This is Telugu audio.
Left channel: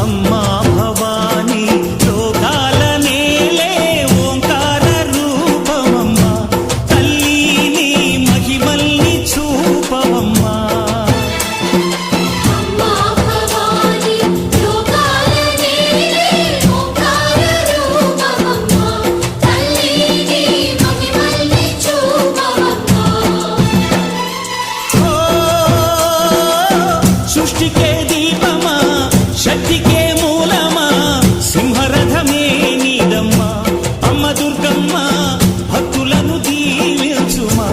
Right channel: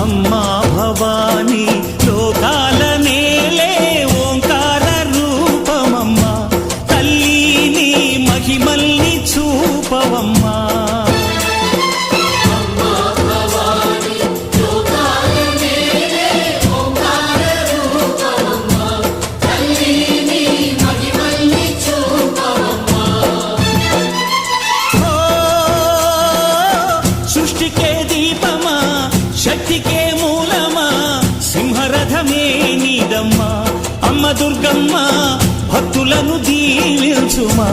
అమ్మా భవానీ లోకాల నేలే ఓంకార రూపమమ్మా, తల్లి నీ మహిమల్ని చూపవమ్మా. సృష్టికే దీపమా, శక్తికే మూలమా, సింహరథమే నీదమ్మా. అమ్మ దుర్గమ్మ భక్తులను దీవించుమా.